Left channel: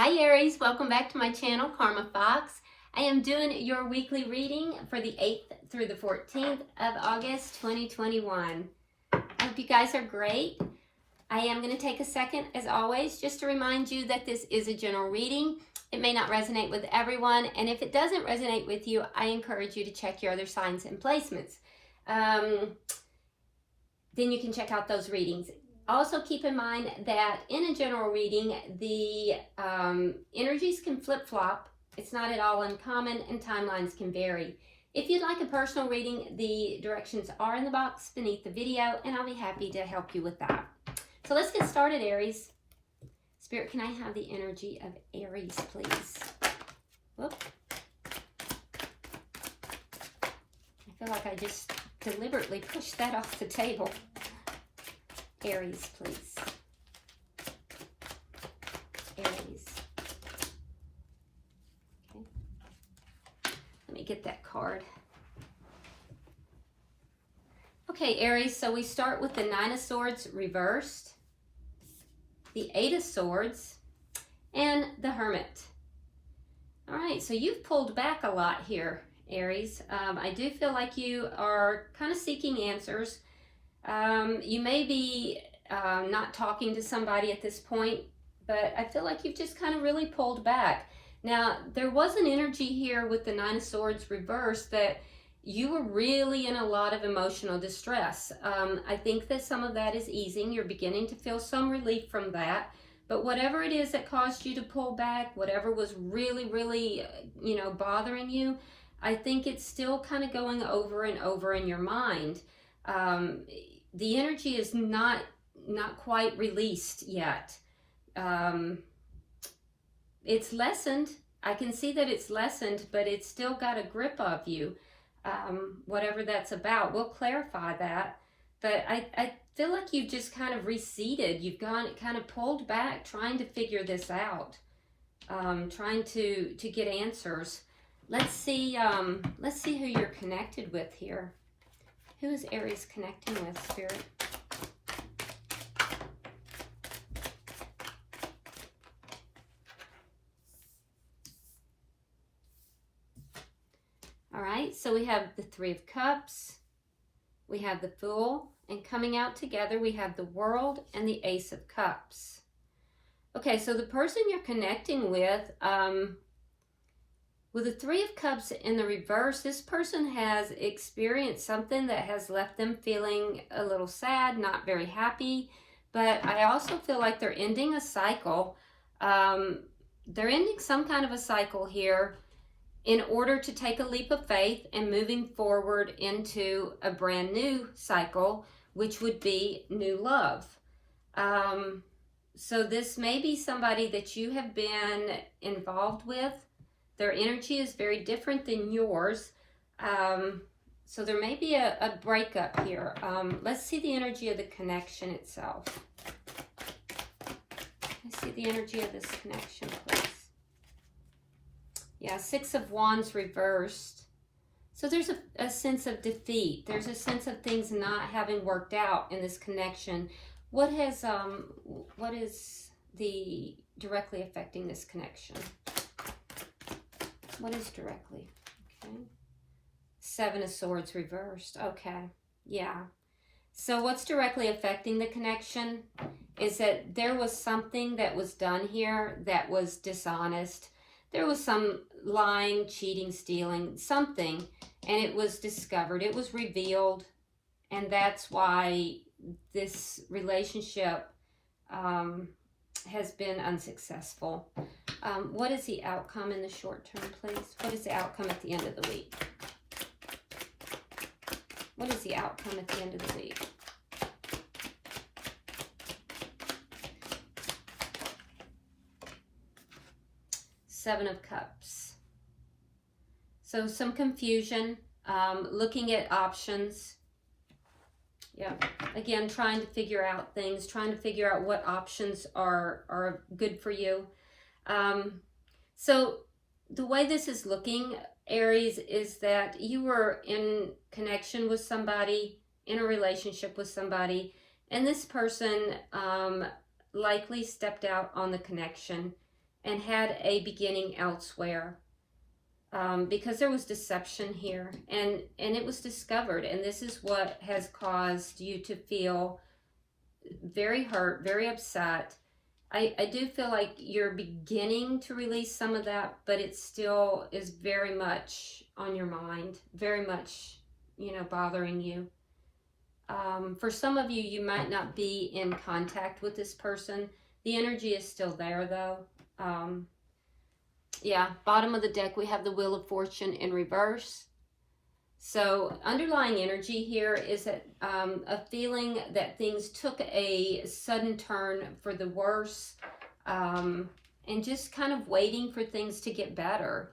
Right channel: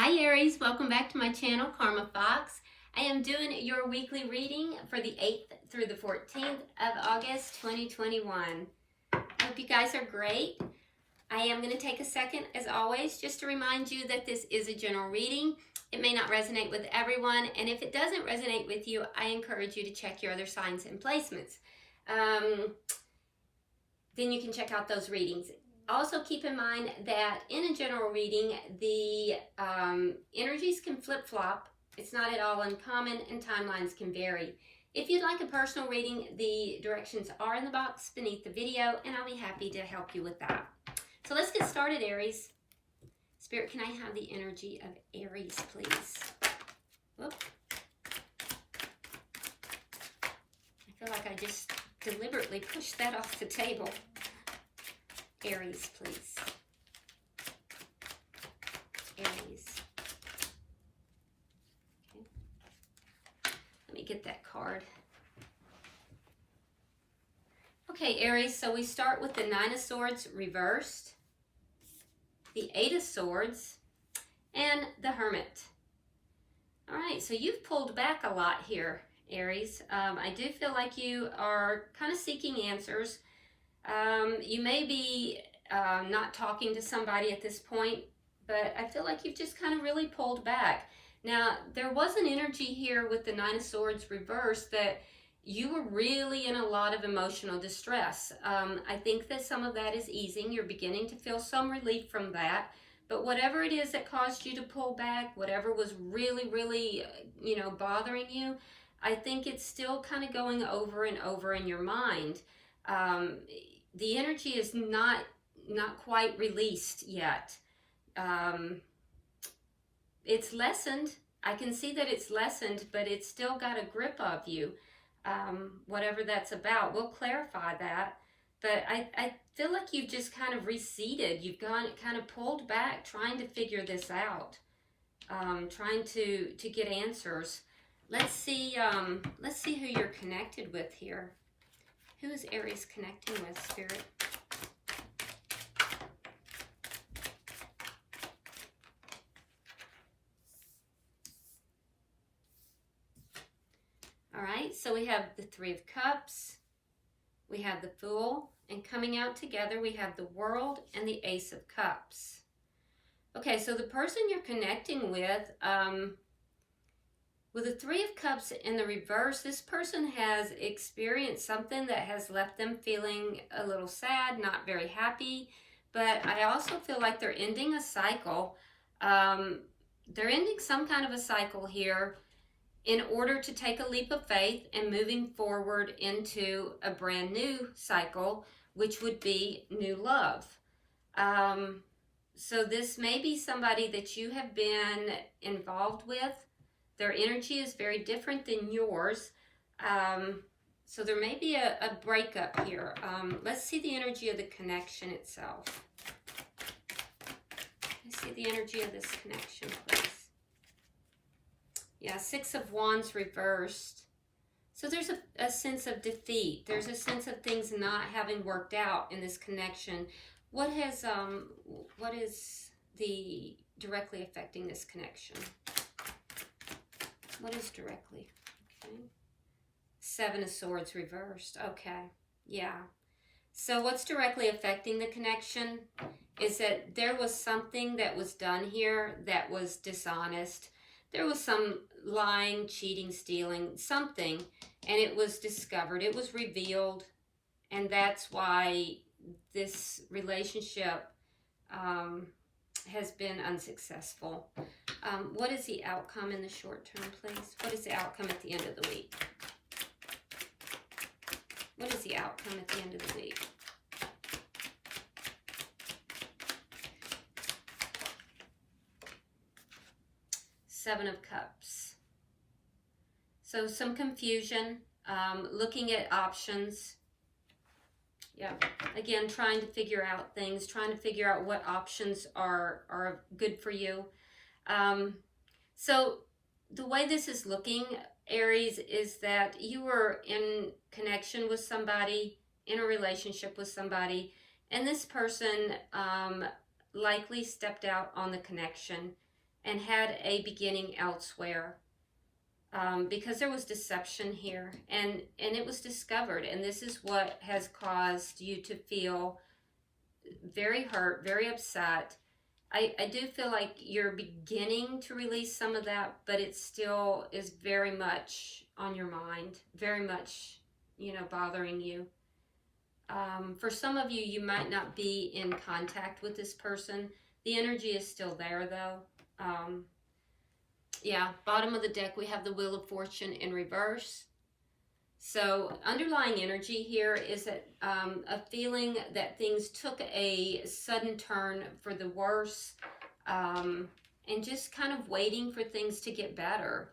Hi Aries, welcome back to my channel, Karma Fox. I am doing your weekly reading for the 8th through the 14th of August 2021. I hope you guys are great. I am going to take a second, as always, just to remind you that this is a general reading. It may not resonate with everyone, and if it doesn't resonate with you, I encourage you to check your other signs and placements. Then you can check out those readings. Also keep in mind that in a general reading, the energies can flip-flop. It's not at all uncommon, and timelines can vary. If you'd like a personal reading, the directions are in the box beneath the video, and I'll be happy to help you with that. So let's get started, Aries. Spirit, can I have the energy of Aries, please? Whoop. I feel like I just deliberately pushed that off the table. Aries, please. Aries. Okay. Let me get that card. Okay, Aries, so we start with the Nine of Swords reversed, the Eight of Swords, and the Hermit. All right, so you've pulled back a lot here, Aries. I do feel like you are kind of seeking answers. You may be not talking to somebody at this point, but I feel like you've just kind of really pulled back. Now, there was an energy here with the Nine of Swords reversed that you were really in a lot of emotional distress. I think that some of that is easing. You're beginning to feel some relief from that. But whatever it is that caused you to pull back, whatever was really, bothering you, I think it's still kind of going over and over in your mind. The energy is not quite released yet. It's lessened. I can see that it's lessened, but it's still got a grip of you. Whatever that's about, we'll clarify that. But I feel like you've just kind of receded. You've gone kind of pulled back, trying to figure this out, trying to get answers. Let's see who you're connected with here. Who is Aries connecting with, Spirit? All right, so we have the Three of Cups, we have the Fool, and coming out together, we have the World and the Ace of Cups. Okay, so the person you're connecting with the Three of Cups in the reverse, this person has experienced something that has left them feeling a little sad, not very happy, but I also feel like they're ending a cycle. They're ending some kind of a cycle here in order to take a leap of faith and moving forward into a brand new cycle, which would be new love. So this may be somebody that you have been involved with. Their energy is very different than yours. So there may be a breakup here. Let's see the energy of the connection itself. Let's see the energy of this connection, please. Yeah, Six of Wands reversed. So there's a sense of defeat. There's a sense of things not having worked out in this connection. What is the directly affecting this connection? What is directly? Okay. Seven of Swords reversed. Okay. Yeah. So what's directly affecting the connection is that there was something that was done here that was dishonest. There was some lying, cheating, stealing, something, and it was discovered. It was revealed, and that's why this relationship has been unsuccessful. What is the outcome in the short term, please? What is the outcome at the end of the week? What is the outcome at the end of the week? Seven of Cups. So some confusion, looking at options. Yeah, again, trying to figure out things, trying to figure out what options are good for you. So the way this is looking, Aries, is that you were in connection with somebody, in a relationship with somebody, and this person likely stepped out on the connection and had a beginning elsewhere. Because there was deception here, and it was discovered, and this is what has caused you to feel very hurt, very upset. I do feel like you're beginning to release some of that, but it still is very much on your mind, very much, you know, bothering you. For some of you, you might not be in contact with this person. The energy is still there, though. Yeah, bottom of the deck, we have the Wheel of Fortune in reverse. So underlying energy here is that a feeling that things took a sudden turn for the worse, and just kind of waiting for things to get better.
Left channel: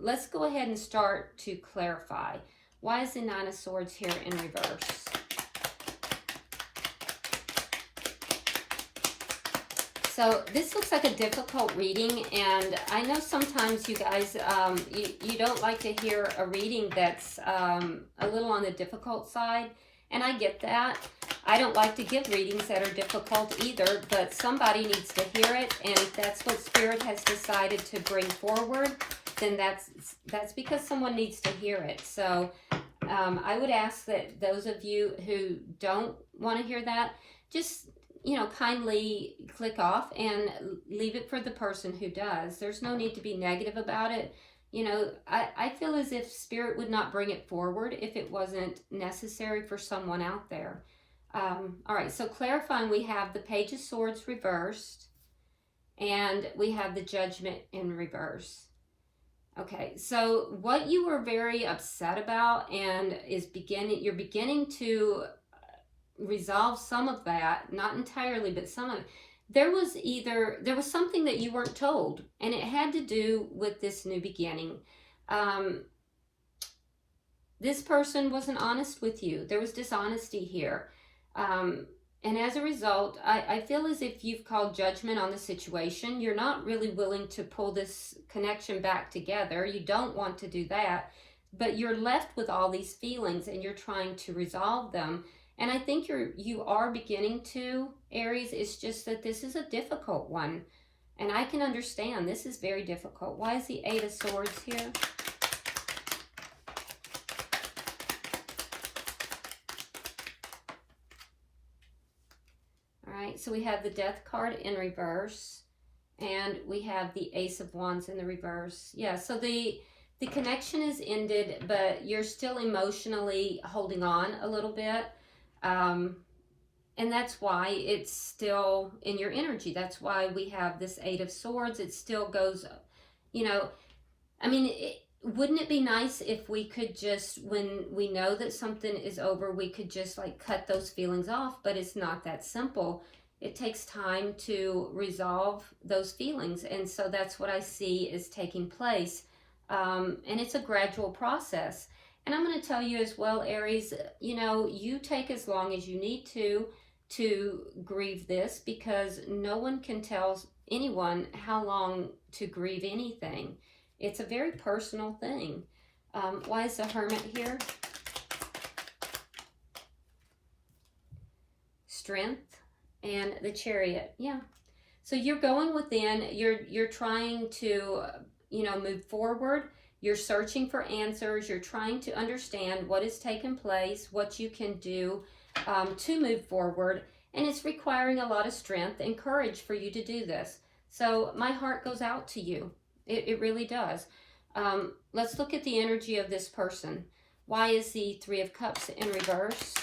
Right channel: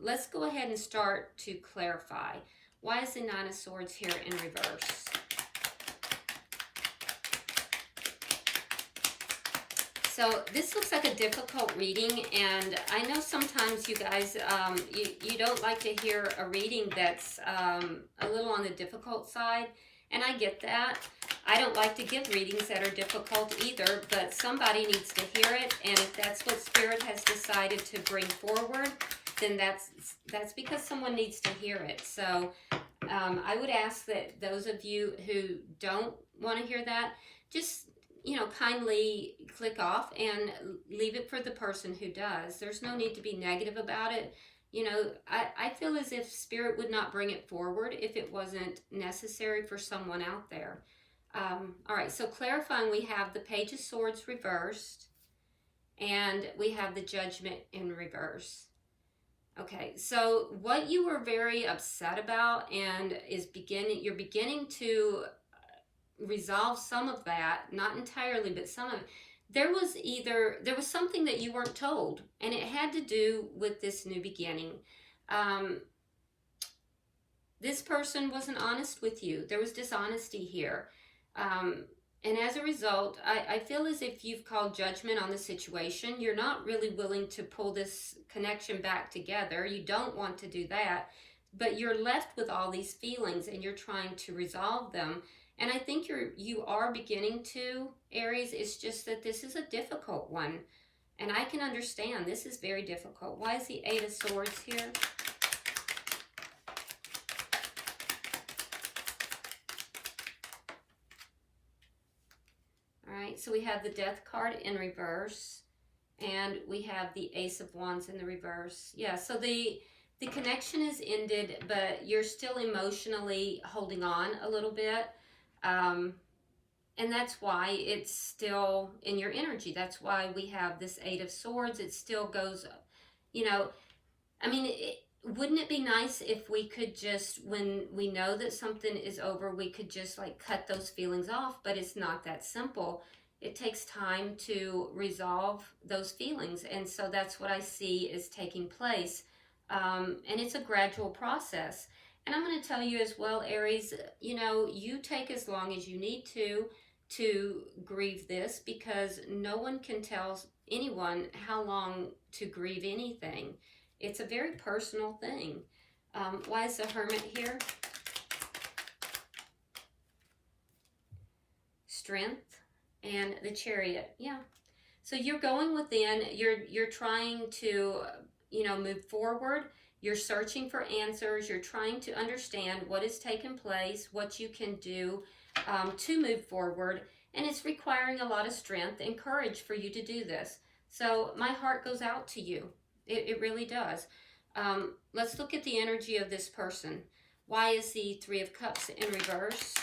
Let's go ahead and start to clarify. Why is the Nine of Swords here in reverse? So this looks like a difficult reading, and I know sometimes you guys, you don't like to hear a reading that's a little on the difficult side, and I get that. I don't like to give readings that are difficult either, but somebody needs to hear it, and if that's what Spirit has decided to bring forward, then that's because someone needs to hear it. So I would ask that those of you who don't want to hear that, just, you know, kindly click off and leave it for the person who does. There's no need to be negative about it. You know, I feel as if Spirit would not bring it forward if it wasn't necessary for someone out there. All right, so clarifying, we have the Page of Swords reversed, and we have the Judgment in reverse. Okay, so what you were very upset about and you're beginning to resolve some of that, not entirely, but some of it. There was something that you weren't told, and it had to do with this new beginning. This person wasn't honest with you. There was dishonesty here. And as a result, I feel as if you've called judgment on the situation. You're not really willing to pull this connection back together. You don't want to do that, but you're left with all these feelings, and you're trying to resolve them. And I think you are beginning to, Aries. It's just that this is a difficult one. And I can understand this is very difficult. Why is the Eight of Swords here? All right, so we have the Death card in reverse. And we have the Ace of Wands in the reverse. Yeah, so the connection is ended, but you're still emotionally holding on a little bit. And that's why it's still in your energy. That's why we have this Eight of Swords. It still goes, you know, I mean, wouldn't it be nice if we could just, when we know that something is over, we could just like cut those feelings off, but it's not that simple. It takes time to resolve those feelings. And so that's what I see is taking place. And it's a gradual process. And I'm going to tell you as well, Aries, you know, you take as long as you need to grieve this, because no one can tell anyone how long to grieve anything. It's a very personal thing. Why is the Hermit here? Strength and the Chariot. Yeah. So you're going within, you're trying to, you know, move forward. You're searching for answers. You're trying to understand what has taken place, what you can do to move forward. And it's requiring a lot of strength and courage for you to do this. So my heart goes out to you. It really does. Let's look at the energy of this person. Why is the Three of Cups in reverse?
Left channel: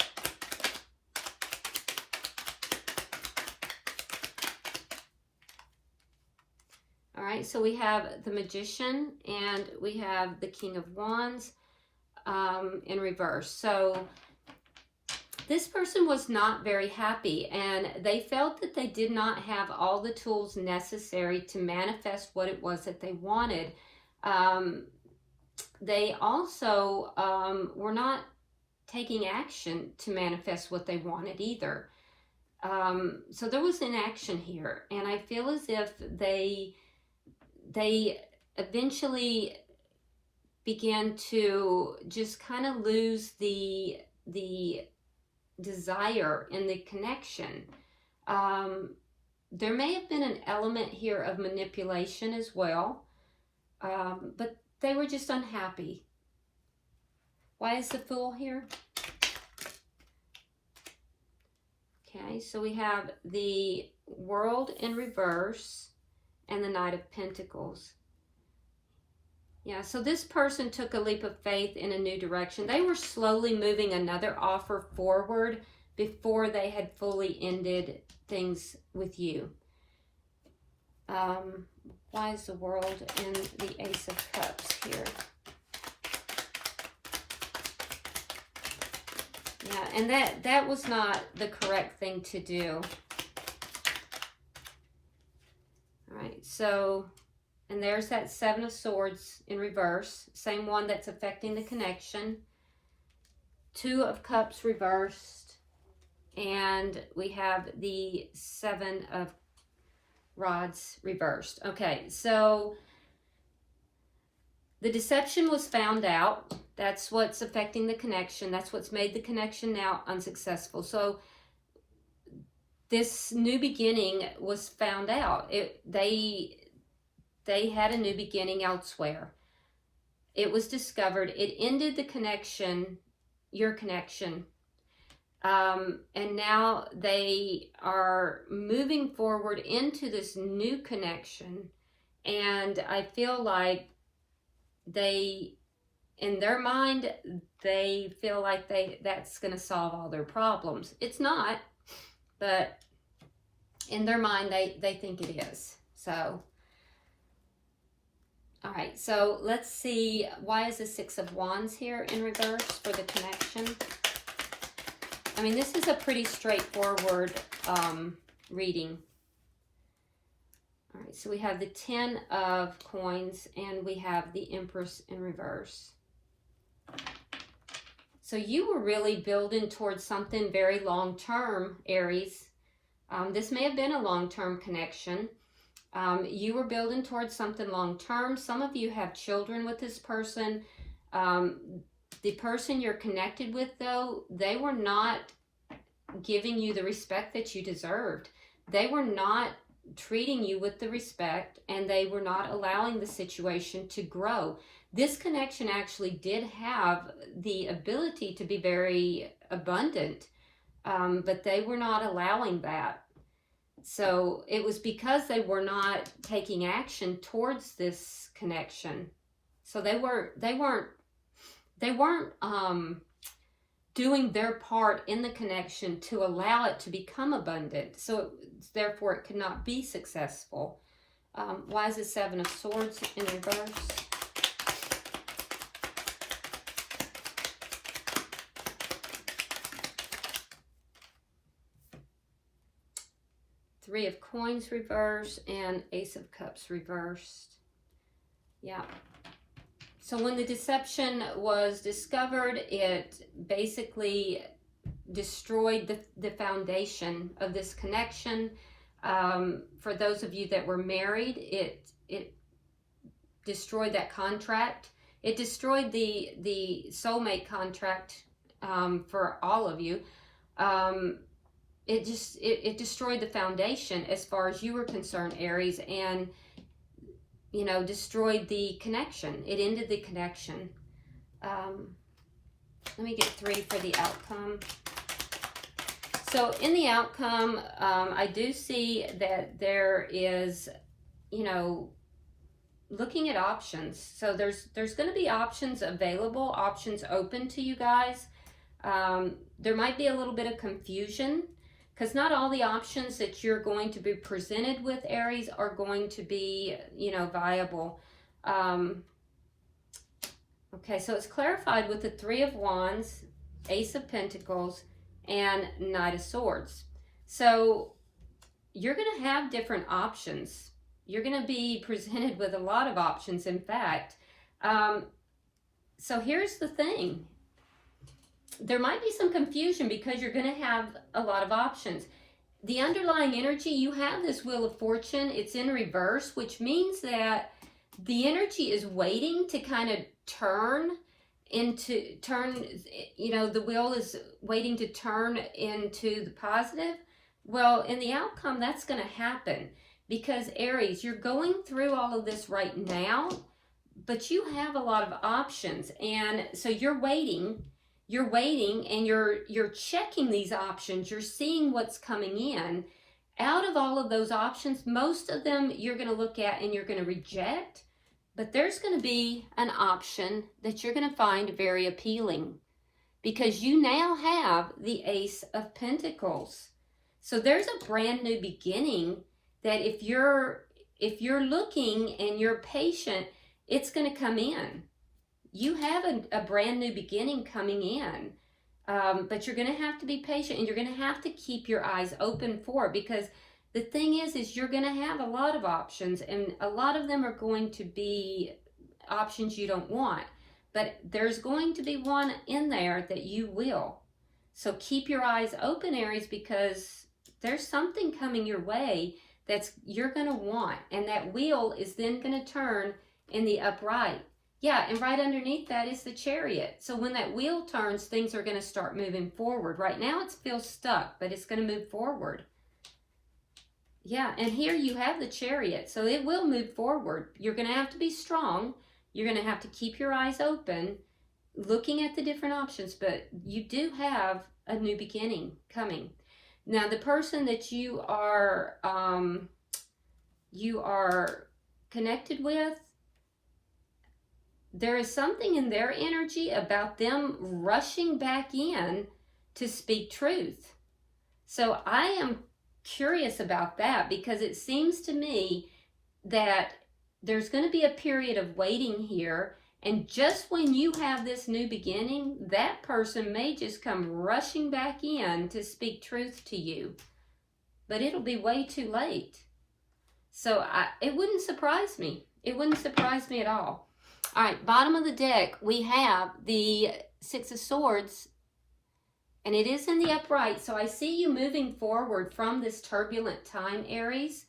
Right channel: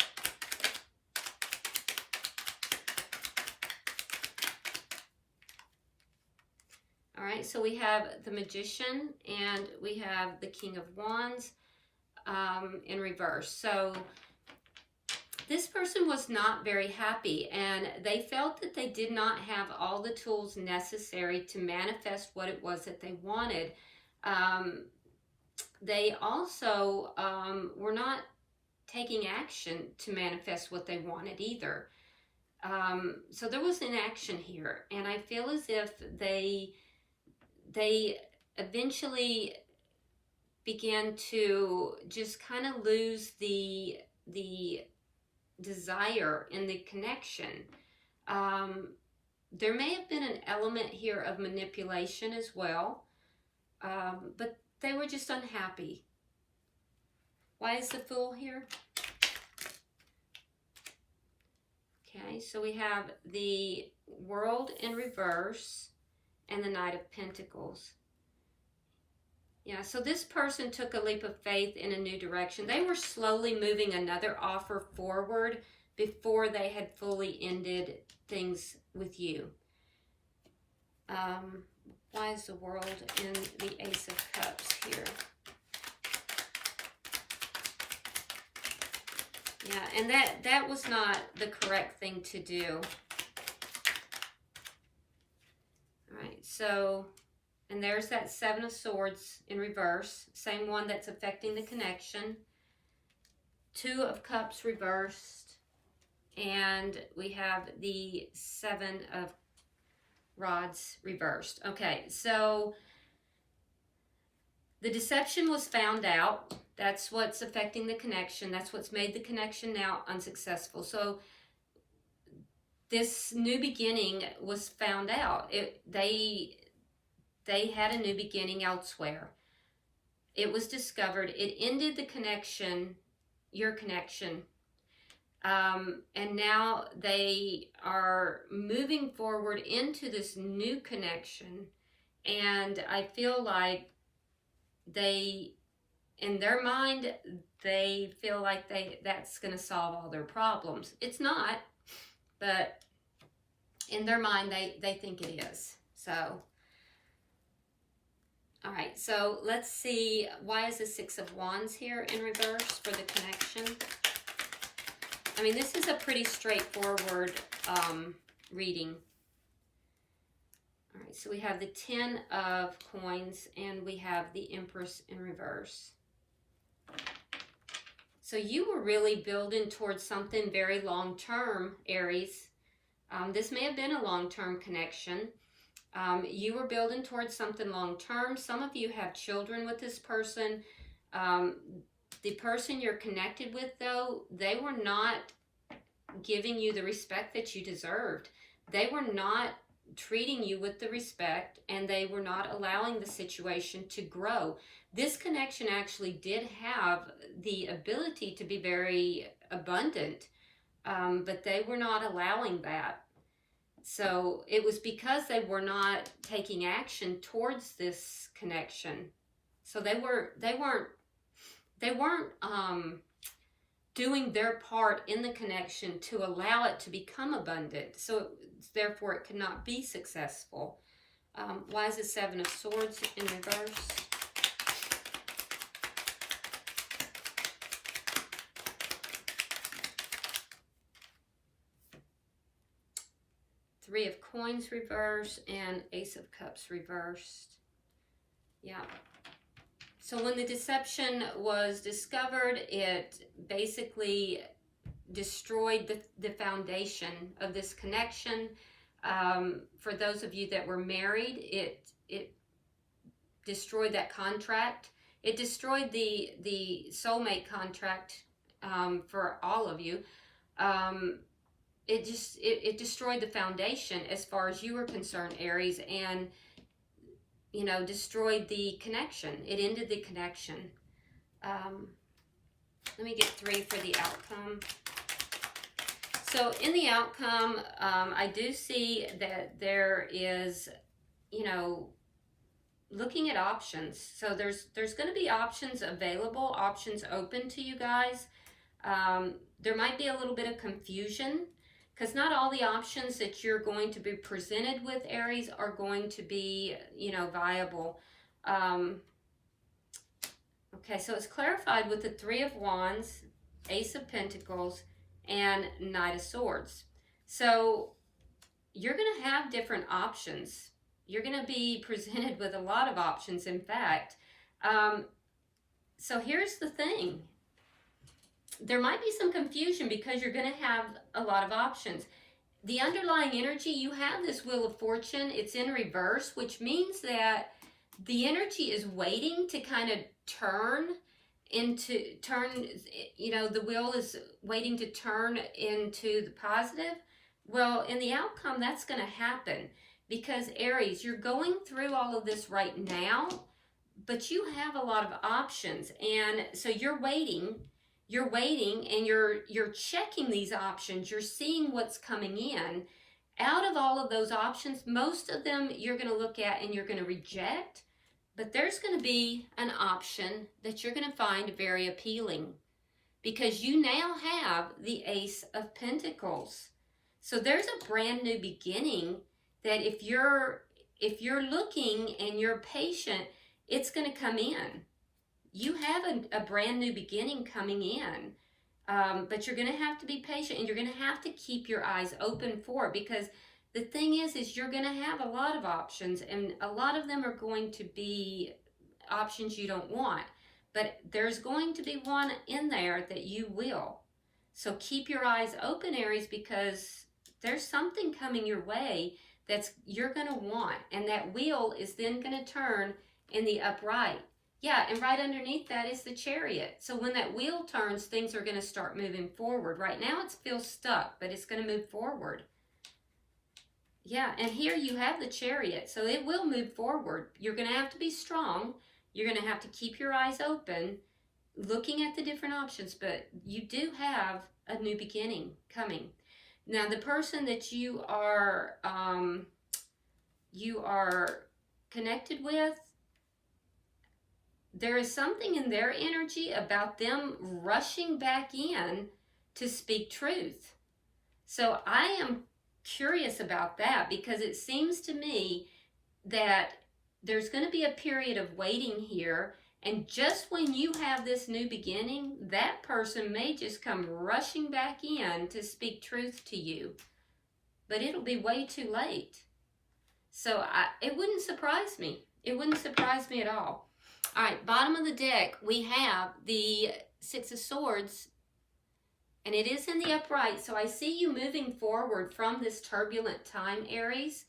All right, so we have the Magician and we have the King of Wands in reverse. So this person was not very happy, and they felt that they did not have all the tools necessary to manifest what it was that they wanted. They also were not taking action to manifest what they wanted either. So there was inaction here, and I feel as if they eventually began to just kind of lose the desire in the connection. there may have been an element here of manipulation as well, but they were just unhappy. Why is the Fool here? Okay, so we have the World in reverse and the Knight of Pentacles. Yeah, so this person took a leap of faith in a new direction. They were slowly moving another offer forward before they had fully ended things with you. Why is the World and the Ace of Cups here? Yeah, and that was not the correct thing to do. All right, so, and there's that Seven of Swords in reverse, same one that's affecting the connection. Two of Cups reversed, and we have the Seven of Rods reversed. Okay, so the deception was found out. That's what's affecting the connection. That's what's made the connection now unsuccessful. So this new beginning was found out. They had a new beginning elsewhere. It was discovered. It ended the connection, your connection. And now they are moving forward into this new connection. And I feel like they, in their mind, they feel like that's going to solve all their problems. It's not, but in their mind, they think it is. So, all right, so let's see, why is the Six of Wands here in reverse for the connection? I mean, this is a pretty straightforward reading. All right, so we have the Ten of Coins and we have the Empress in reverse. So you were really building towards something very long-term, Aries. This may have been a long-term connection. You were building towards something long-term. Some of you have children with this person. The person you're connected with, though, they were not giving you the respect that you deserved. They were not treating you with the respect, and they were not allowing the situation to grow. This connection actually did have the ability to be very abundant, but they were not allowing that. So it was because they were not taking action towards this connection. So they weren't doing their part in the connection to allow it to become abundant. So therefore it could not be successful. Why is the Seven of Swords in reverse? Three of Coins reversed and Ace of Cups reversed. Yeah. So when the deception was discovered, it basically destroyed the foundation of this connection. For those of you that were married, it destroyed that contract. It destroyed the soulmate contract for all of you. It destroyed the foundation as far as you were concerned, Aries, and destroyed the connection. It ended the connection. Let me get three for the outcome. So in the outcome, I do see that there is, looking at options. So there's going to be options available, options open to you guys. There might be a little bit of confusion, because not all the options that you're going to be presented with, Aries, are going to be, viable. Okay, so it's clarified with the Three of Wands, Ace of Pentacles, and Knight of Swords. So you're going to have different options. You're going to be presented with a lot of options, in fact. So here's the thing. There might be some confusion because you're going to have a lot of options. The underlying energy, you have this Wheel of Fortune. It's in reverse, which means that the energy is waiting to kind of turn, the wheel is waiting to turn into the positive, Well, in the outcome, that's going to happen because Aries, you're going through all of this right now, but you have a lot of options. And so you're waiting and you're checking these options. You're seeing what's coming in. Out of all of those options, most of them you're going to look at and you're going to reject, but there's going to be an option that you're going to find very appealing because you now have the Ace of Pentacles. So there's a brand new beginning that if you're looking and you're patient, it's going to come in. You have a brand new beginning coming in, but you're going to have to be patient and you're going to have to keep your eyes open for it because the thing is you're going to have a lot of options and a lot of them are going to be options you don't want. But there's going to be one in there that you will. So keep your eyes open, Aries, because there's something coming your way that's you're going to want. And that wheel is then going to turn in the upright. Yeah, and right underneath that is the Chariot. So when that wheel turns, things are going to start moving forward. Right now it feels stuck, but it's going to move forward. Yeah, and here you have the Chariot. So it will move forward. You're going to have to be strong. You're going to have to keep your eyes open, looking at the different options, but you do have a new beginning coming. Now, the person that you are connected with, there is something in their energy about them rushing back in to speak truth. So I am curious about that because it seems to me that there's going to be a period of waiting here, and just when you have this new beginning, that person may just come rushing back in to speak truth to you, but it'll be way too late. So it wouldn't surprise me. It wouldn't surprise me at all. All right, bottom of the deck, we have the Six of Swords, and it is in the upright, so I see you moving forward from this turbulent time, Aries.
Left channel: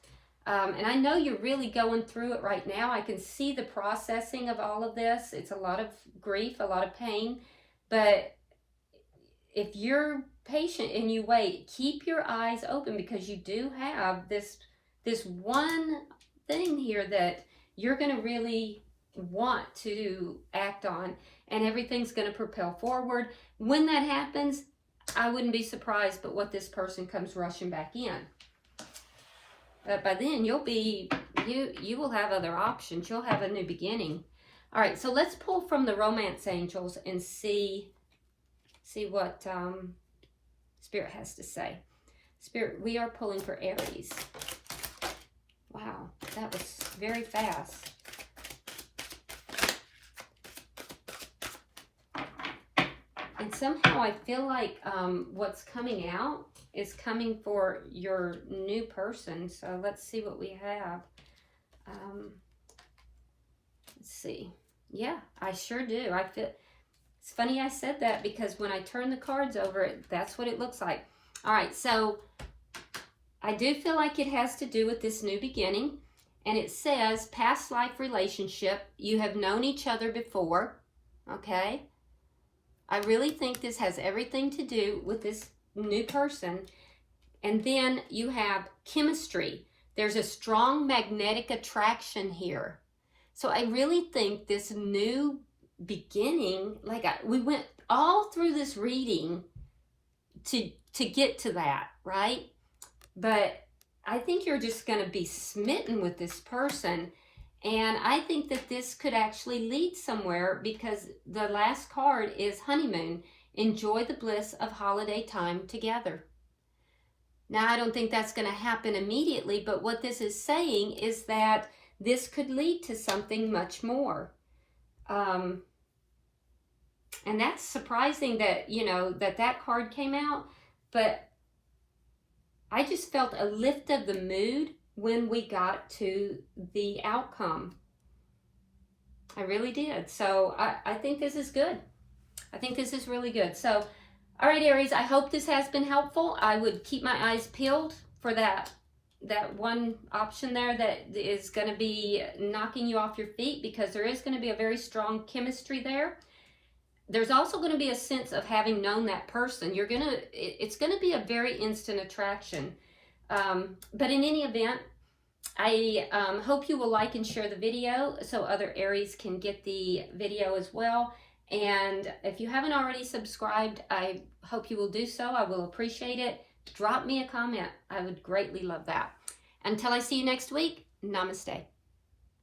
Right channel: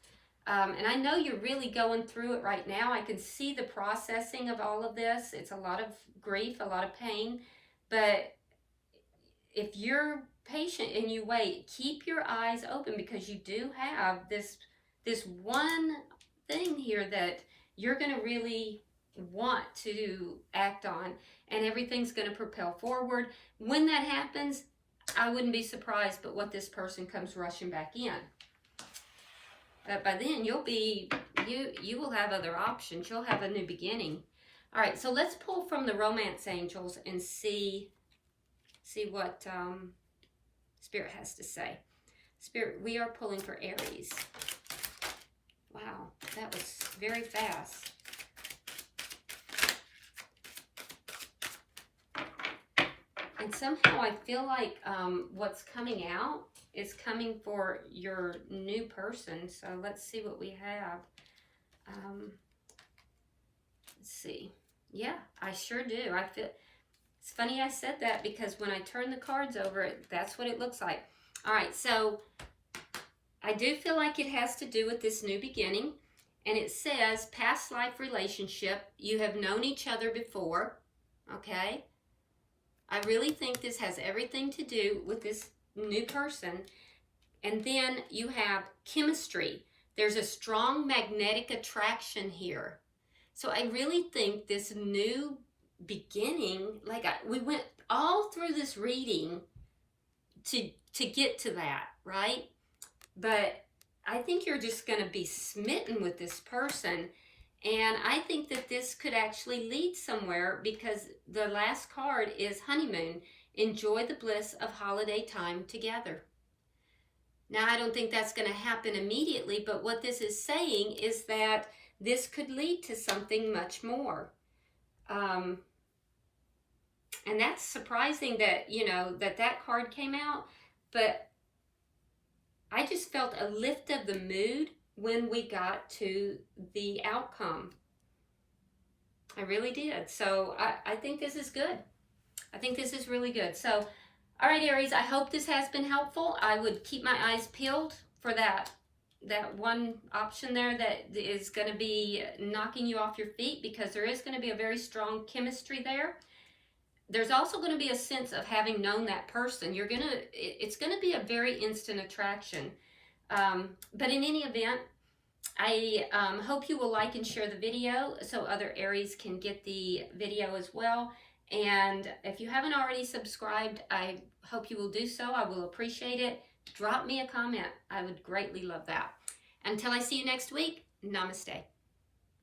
And I know you're really going through it right now. I can see the processing of all of this. It's a lot of grief, a lot of pain. But if you're patient and you wait, keep your eyes open because you do have this one thing here that you're going to really want to act on. And everything's going to propel forward. When that happens, I wouldn't be surprised but what this person comes rushing back in. But by then you will have other options. You'll have a new beginning. All right, so let's pull from the Romance Angels and see what Spirit has to say. Spirit, we are pulling for Aries. Wow, that was very fast. And somehow I feel like what's coming out is coming for your new person. So let's see what we have. Let's see. Yeah, I sure do. I feel it's funny I said that because when I turn the cards over, that's what it looks like. All right, so I do feel like it has to do with this new beginning. And it says, past life relationship, you have known each other before. Okay. I really think this has everything to do with this new person. And then you have chemistry. There's a strong magnetic attraction here. So I really think this new beginning, like we went all through this reading to get to that, right? But I think you're just going to be smitten with this person. And I think that this could actually lead somewhere because the last card is honeymoon. Enjoy the bliss of holiday time together. Now, I don't think that's going to happen immediately, but what this is saying is that this could lead to something much more. And that's surprising that, you know, that card came out, but I just felt a lift of the mood when we got to the outcome. I really did. So I think this is good. I think this is really good. So, all right, Aries, I hope this has been helpful. I would keep my eyes peeled for that one option there that is going to be knocking you off your feet because there is going to be a very strong chemistry there. There's also going to be a sense of having known that person. It's going to be a very instant attraction. But in any event, I hope you will like and share the video so other Aries can get the video as well. And if you haven't already subscribed, I hope you will do so. I will appreciate it. Drop me a comment. I would greatly love that. Until I see you next week, namaste.